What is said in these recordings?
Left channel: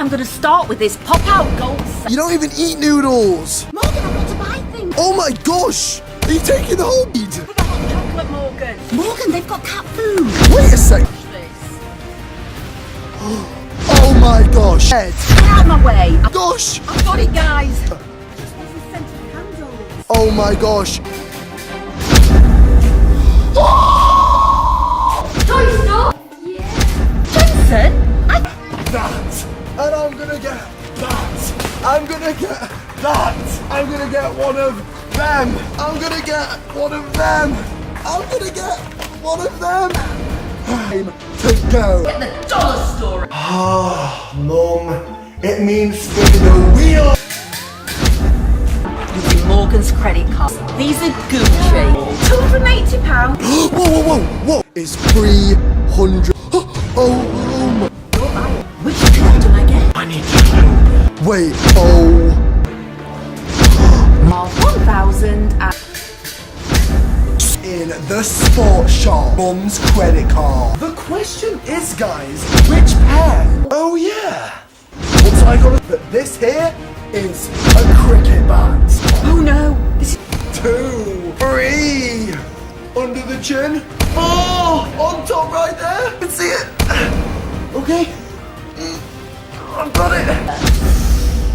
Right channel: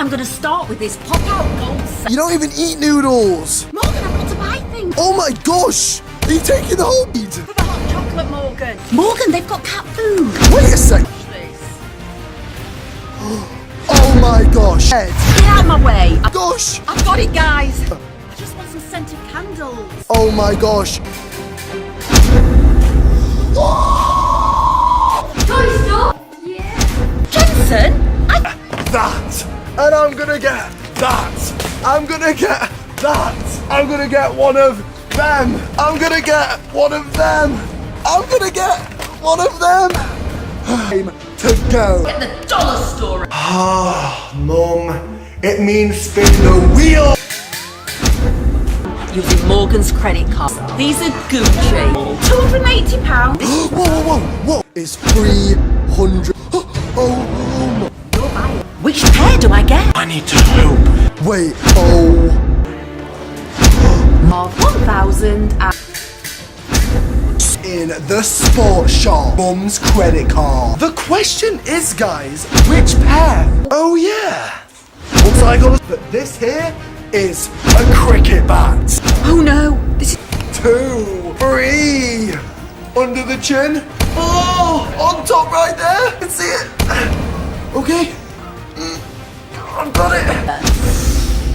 I'm gonna start with this pop-out gold set. You don't even eat noodles. Morgan, I've got to buy things. Oh my gosh! Are you taking the whole meat? For the hot chocolate, Morgan. Morgan, they've got cat food. Wait a sec. Watch this. Oh my gosh. Ed. Get out of my way. Gosh. I've got it, guys. I just want some scented candles. Oh my gosh. Toy store? Yeah. Jensen, That. And I'm gonna get that. I'm gonna get that. I'm gonna get one of them. I'm gonna get one of them. I'm gonna get one of them. Time to go. Get the dollar store. Ah, Mum. It means spin the wheel. Using Morgan's credit card. These are Gucci. £280. Whoa, whoa, whoa, whoa. It's 300. Oh, You're buying. Which pair do I get? I need to hope. Wait, oh. Of 1,000 and... In the sports shop. Mum's credit card. The question is, guys, which pair? Oh, yeah. Looks like but this here is a cricket bat. Oh no, this is... 2, 3. Under the chin. Oh, on top right there. I can see it. Okay. I've got it.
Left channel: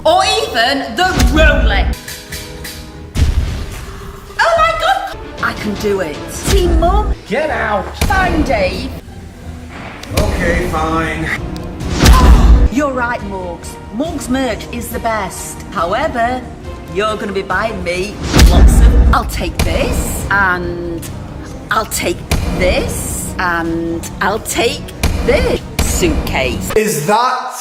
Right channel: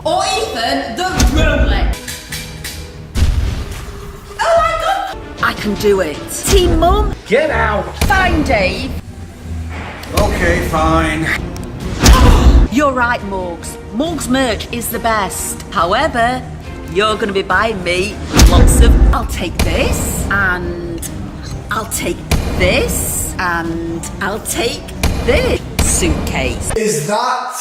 Or even the Rolex. Oh my god! I can do it. Team Mum. Get out! Fine, Dave. Okay, fine. You're right, Morgz. Morgz merch is the best. However, you're going to be buying me lots of... I'll take this, and I'll take this, and I'll take this suitcase. Is that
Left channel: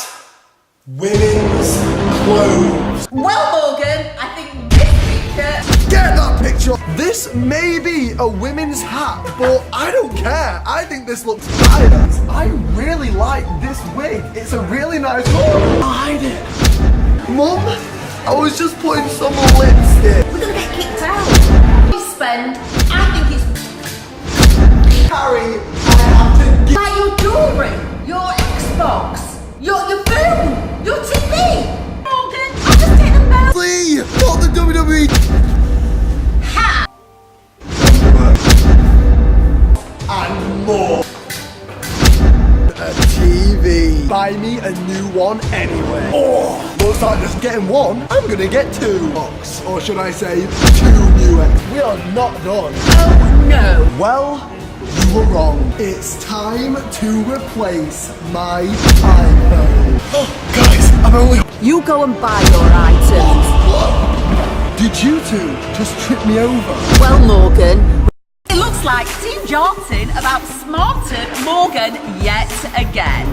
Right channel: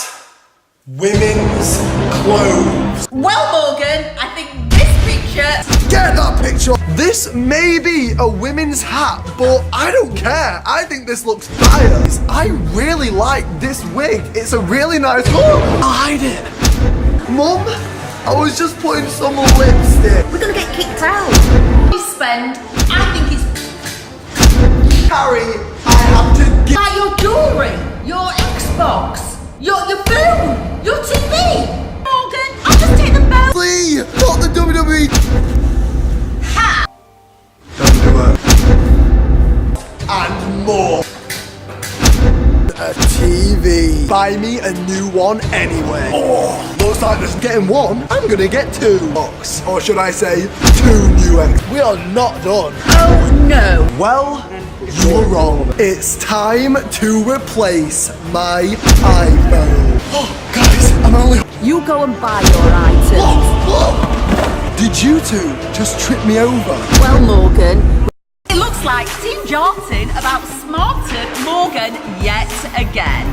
women's clothes? Well, Morgan, I think this picture... Get that picture. This may be a women's hat, but I don't care. I think this looks fire. I really like this wig. It's a really nice... I'll hide it. Mum, I was just putting some lipstick. We're going to get kicked out. You spend, I think it's... Harry, I have to get... Buy your jewellery, your Xbox, your phone, your TV. Morgan, I'll just take them both. Please, not the WWE. Ha! Don't do it. And more. A TV. Buy me a new one anyway. Oh, looks like just getting one. I'm gonna get 2 bucks. Or should I say 2 new X. We are not done. Oh no. Well, you were wrong. It's time to replace my iPhone. Oh, guys, I'm only... You go and buy your items. Whoa. Did you two just trip me over? Well, Morgan, it looks like Team Jarton have outsmarted Morgan yet again.